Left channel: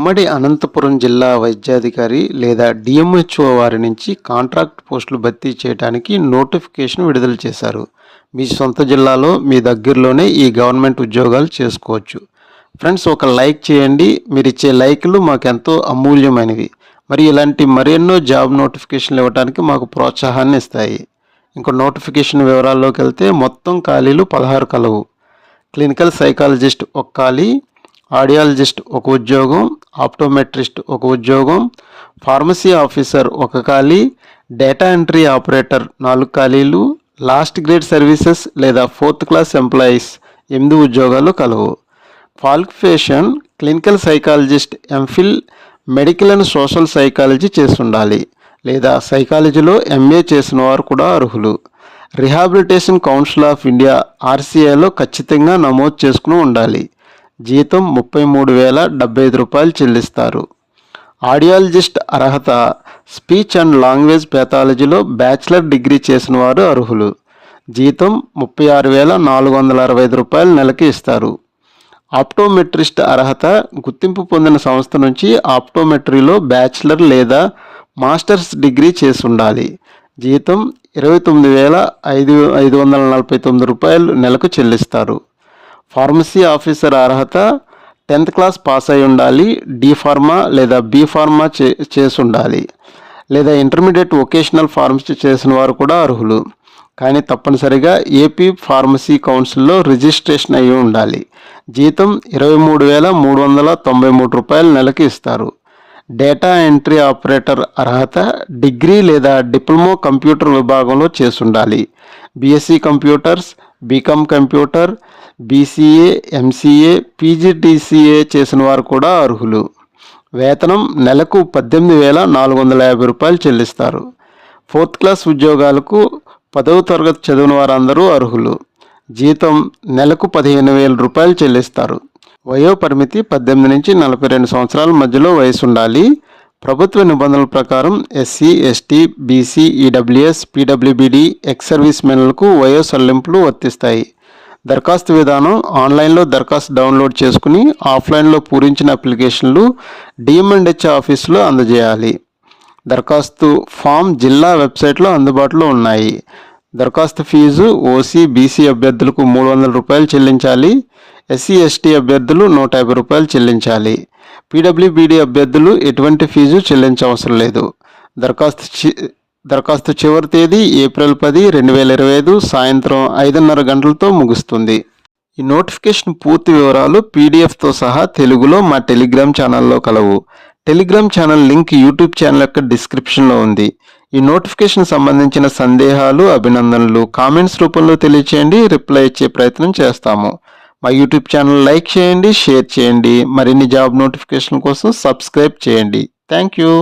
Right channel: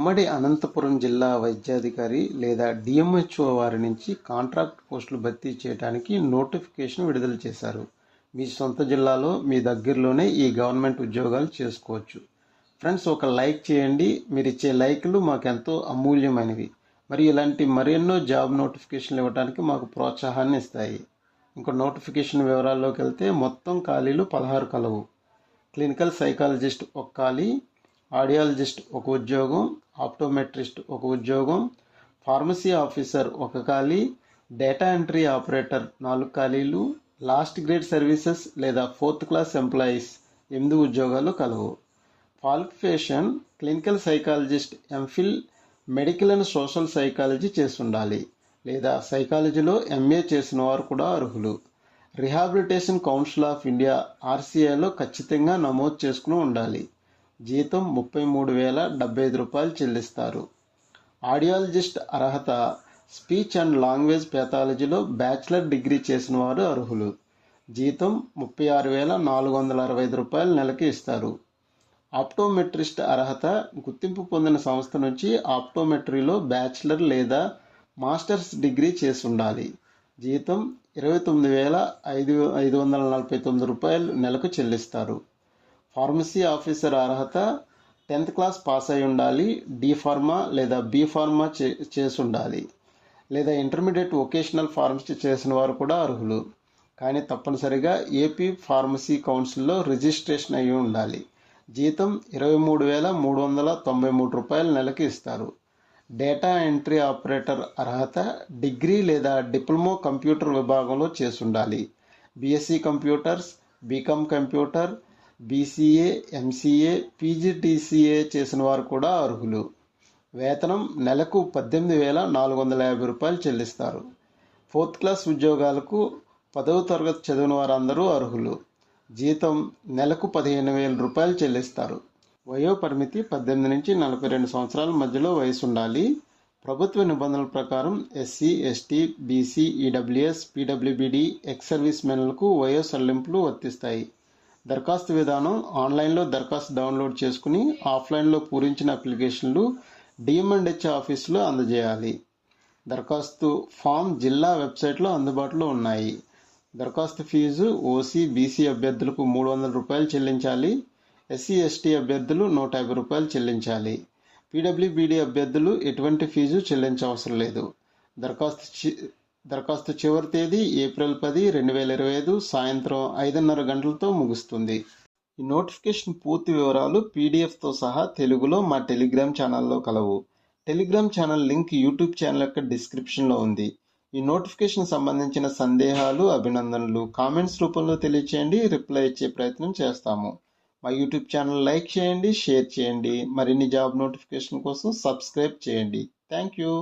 ఉమ్మడి అనంతపురం జిల్లా వైద్యాధికారి లేదా డిఎంహెచ్ఓ వారి నుంచి కాంట్రాక్ట్ పోస్టులు భర్తీ చేయడానికి నోటిఫికేషన్ విడుదల చేశారు. మీ సొంత జిల్లాలో మీ దగ్గరలోనే ఈ గవర్నమెంట్ ఉద్యోగాలు చేసుకోవచ్చు. ఫ్రెండ్స్, ఒక లైక్ చేయండి. మీరు ఇచ్చే లైక్లు మాకెంతో అమూల్యమైనవి. మరి ఇలాంటి మరెన్నో జాబ్ నోటిఫికేషన్లు ఇవ్వడానికి మాకు ప్రోత్సాహాన్ని ఇస్తాయి. ఇంకో నోటిఫికేషన్ వివరాల్లోకి వెళ్తే మొత్తం ఖాళీలు 16 కలవు. క్లినికల్ సైకాలజిస్ట్ ఒక ఖాళీ, ఆడియాలజిస్ట్ ఒక ఉద్యోగం, ఆప్టోమెట్రిస్ట్ ఒక ఉద్యోగం, ఫార్మసీ ఆఫీసర్ ఒక ఖాళీ, డేటా ఎంట్రీ ఆపరేటర్ 4 ఖాళీలు, లాస్ట్ గ్రేడ్ సర్వీసెస్ లేదా 4th క్లాస్ ఎంప్లాయీస్ 8 ఉద్యోగాలు కలవు. Qualification clinical psychologist MPhil medical and social psychology చేసి ఉండాలి లేదా సైకాలజీలో ఎంఏ చేసిన వారు కూడా అర్హులు. రిహాబిలిటేషన్ కౌన్సిల్ ఆఫ్ ఇండియా ఆర్సీఐలో ఖచ్చితంగా నమోదు చేసుకుని ఉండాలి. జీతం 33,075 రూపాయలు చెల్లిస్తారు. ఆడియాలజిస్ట్ అర్హత స్పీచ్ అండ్ లాంగ్వేజ్ పెథాలజీలో బ్యాచిలర్ డిగ్రీ చేసిన వారు అర్హులు. జీతం 36,465 రూపాయలు నెలకి ఇస్తారు. ఆప్టోమెట్రిస్ట్ అర్హత గుర్తింపు పొందిన సంస్థ నుంచి ఆప్టోమెట్రీలో బ్యాచిలర్ లేదా మాస్టర్స్ డిగ్రీ చేసి ఉండాలి. జీతం 29,549 రూపాయలు నెలకు చెల్లిస్తారు. ఫార్మసీ ఆఫీసర్ అర్హత 10th క్లాస్ పాస్ అయి ఉండాలి. డి ఫార్మా లేదా బి ఫార్మా చేసి ఉండాలి లేదా ఇంటర్మీడియట్ వొకేషనల్ ఫార్మసీ చేసిన వారు కూడా అర్హులు. కానీ తప్పనిసరిగా ఏపీ ఫార్మసీ కౌన్సిల్లో రిజిస్ట్రేషన్ అయి ఉండాలి. జీతం 23,393 రూపాయలు నెలకి ఇస్తారు. డేటా ఎంట్రీ ఆపరేటర్ అర్హత డిగ్రీ లేదా డిప్లొమా కంప్యూటర్ విభాగంలో చేసి ఉండాలి. BSc computers, BCom computer, BCA, MCA, PGTCA చేసిన వారు కూడా అర్హులు. వేతనం నెలకు 18,450 రూపాయలు చెల్లిస్తారు. 4th క్లాస్ ఉద్యోగాలకు 10వ తరగతి చదివిన వారందరూ అర్హులు. జీతం నెలకు 15,000 రూపాయలు చెల్లిస్తారు. వయో పరిమితి 18 నుంచి 42 సంవత్సరాల మధ్యలో వయసు ఉండాలి. ప్రభుత్వ నిబంధనల ప్రకారం SC, ST, BC, EWS, PWBD, ex service మెన్లకు వయో సడలింపులు వర్తిస్తాయి. దరఖాస్తు విధానం ఆన్లైన్లో దరఖాస్తు డౌన్లోడ్ చేసుకుని ఆఫ్లైన్లో పూరించిన అప్లికేషన్లు డిఎంఎండ్హెచ్ ఆఫీసులో అందజేయాలి. దరఖాస్తు ఫామ్ జిల్లా వెబ్సైట్లో అందుబాటులో ఉన్నాయి. దరఖాస్తు ఫీజు ఓసీ, బీసీ అభ్యర్థులకు 300 రూపాయలు చెల్లించాలి. ఎస్సీ, ఎస్టీ అభ్యర్థులు 150 రూపాయలు చెల్లించాలి. పీడబ్ల్యూబీడీ అభ్యర్థులు ఎటువంటి ఫీజు చెల్లించవసరం లేదు. దరఖాస్తు చివరి తేదీ ఏప్రిల్ 10, 2025 సాయంత్రం 5:30 గంటలతో ముగుస్తుంది. ఈ నోటిఫికేషన్ పూర్తి వివరాలు పీడిఎఫ్తో సహా తెలుగులో మా టెలిగ్రామ్ ఛానల్లో కలవు. Telegram channel link YouTube channel యొక్క డిస్క్రిప్షన్లో ఉంది. ఈ నోటిఫికేషన్ సంబంధించిన సందేహాలు, అభినందనలు కామెంట్స్ రూపంలో తెలియచేయండి. రిప్లై ఇచ్చే ప్రయత్నం చేస్తాము. మా యూట్యూబ్ ఛానల్ లైక్ చేయండి, షేర్ చేయండి. మరిన్ని జాబ్ నోటిఫికేషన్ కోసం సబ్స్క్రైబ్ చేయండి. Thank you.